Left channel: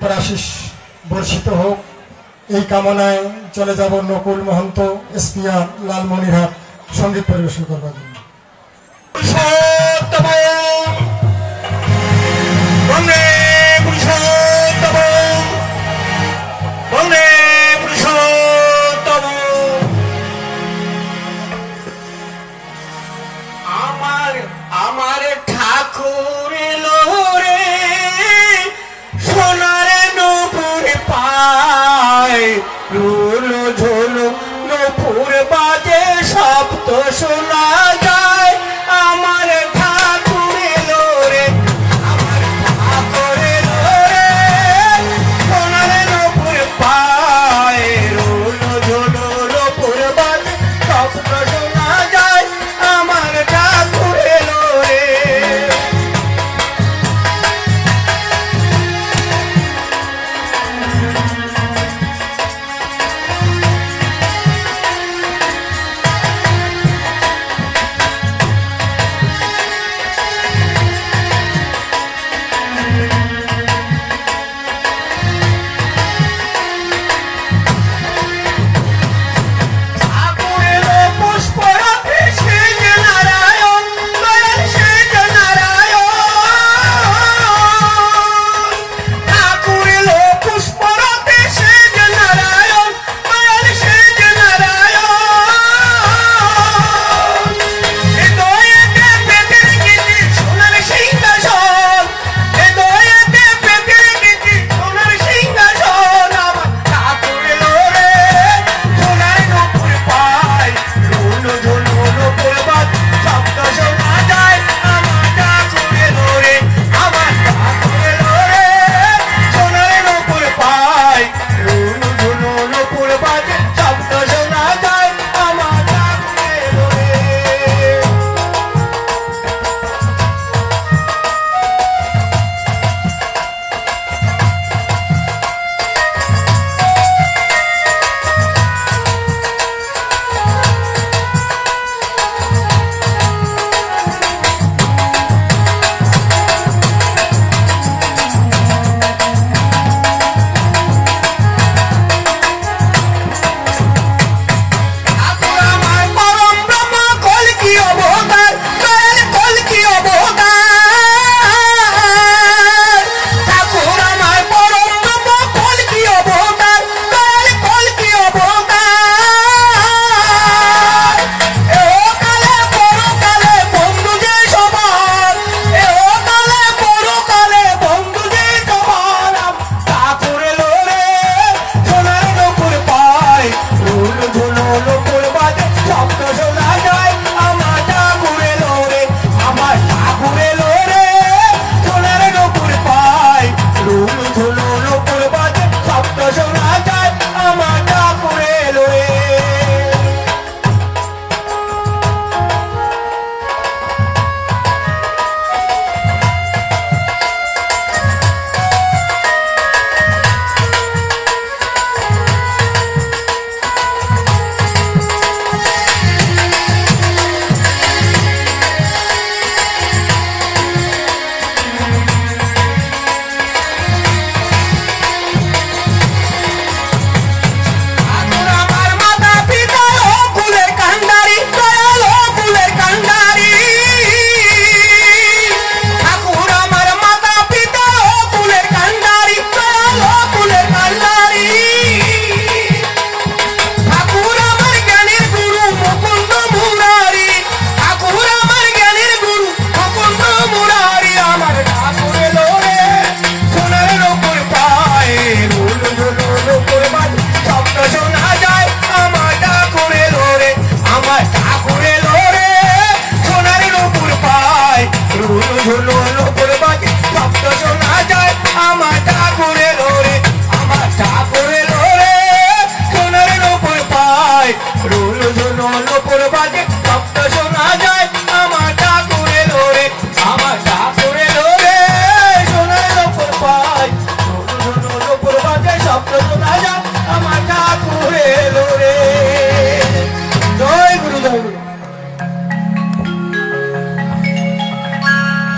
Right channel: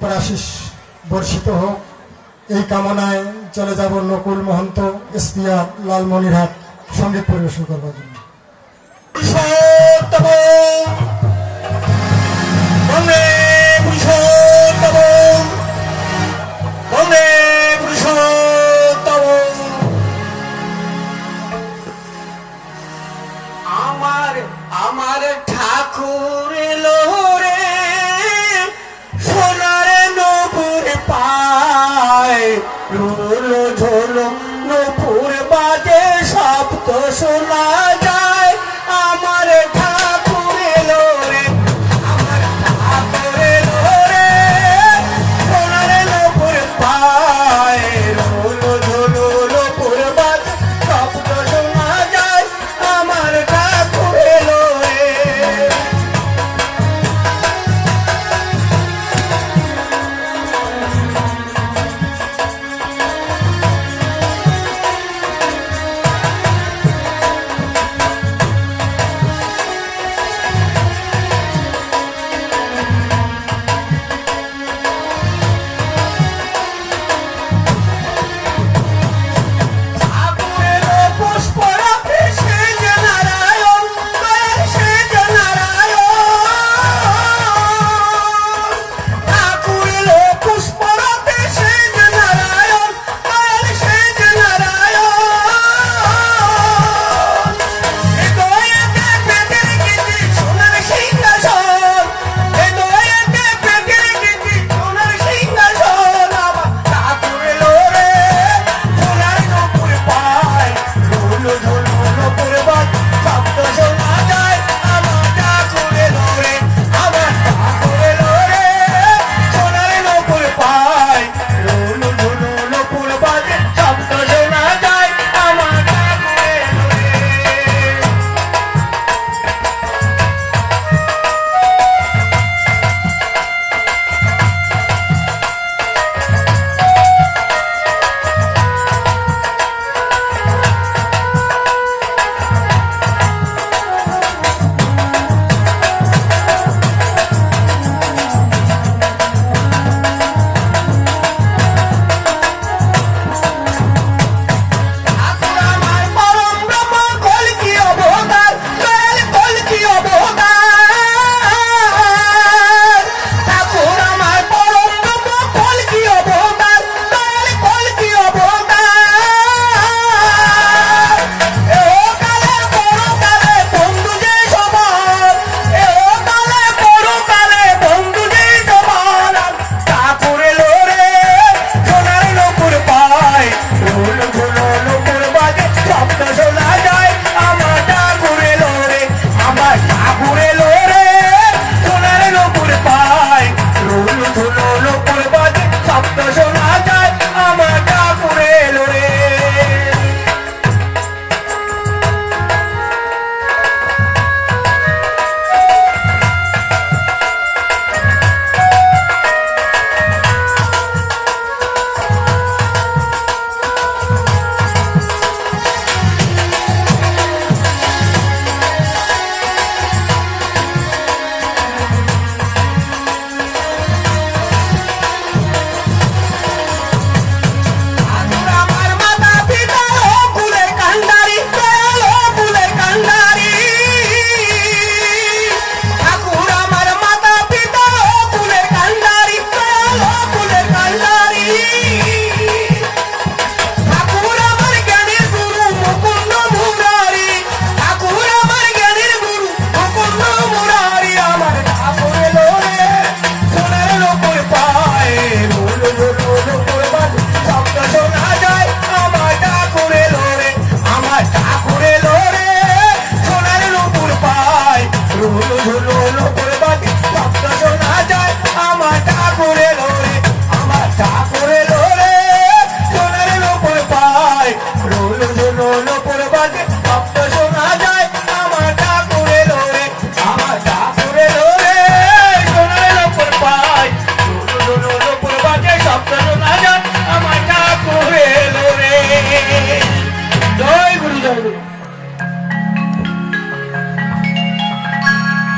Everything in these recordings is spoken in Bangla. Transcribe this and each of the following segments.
কৃপার আশিস বর্ষিত হোক এই কামনায় চলে যাব নকুল মহন্ত এসপিআর লালমনিরহাট সঙ্গীত পরিবেশন করবার জন্য। আমার ঠাকুর এলো রে সোনারে নূপুর পায় রুলো ঝোলো নূপুর বাজে শব্দ শোনা যায় আমার ঠাকুর এলো রে আমার ঠাকুর এলো রে সোনারে নূপুর পায় রুলো ঝোলো নূপুর বাজে শব্দ শোনা যায় আমার ঠাকুর এলো রে।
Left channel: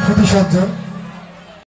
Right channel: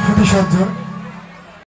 Finish up, Jim.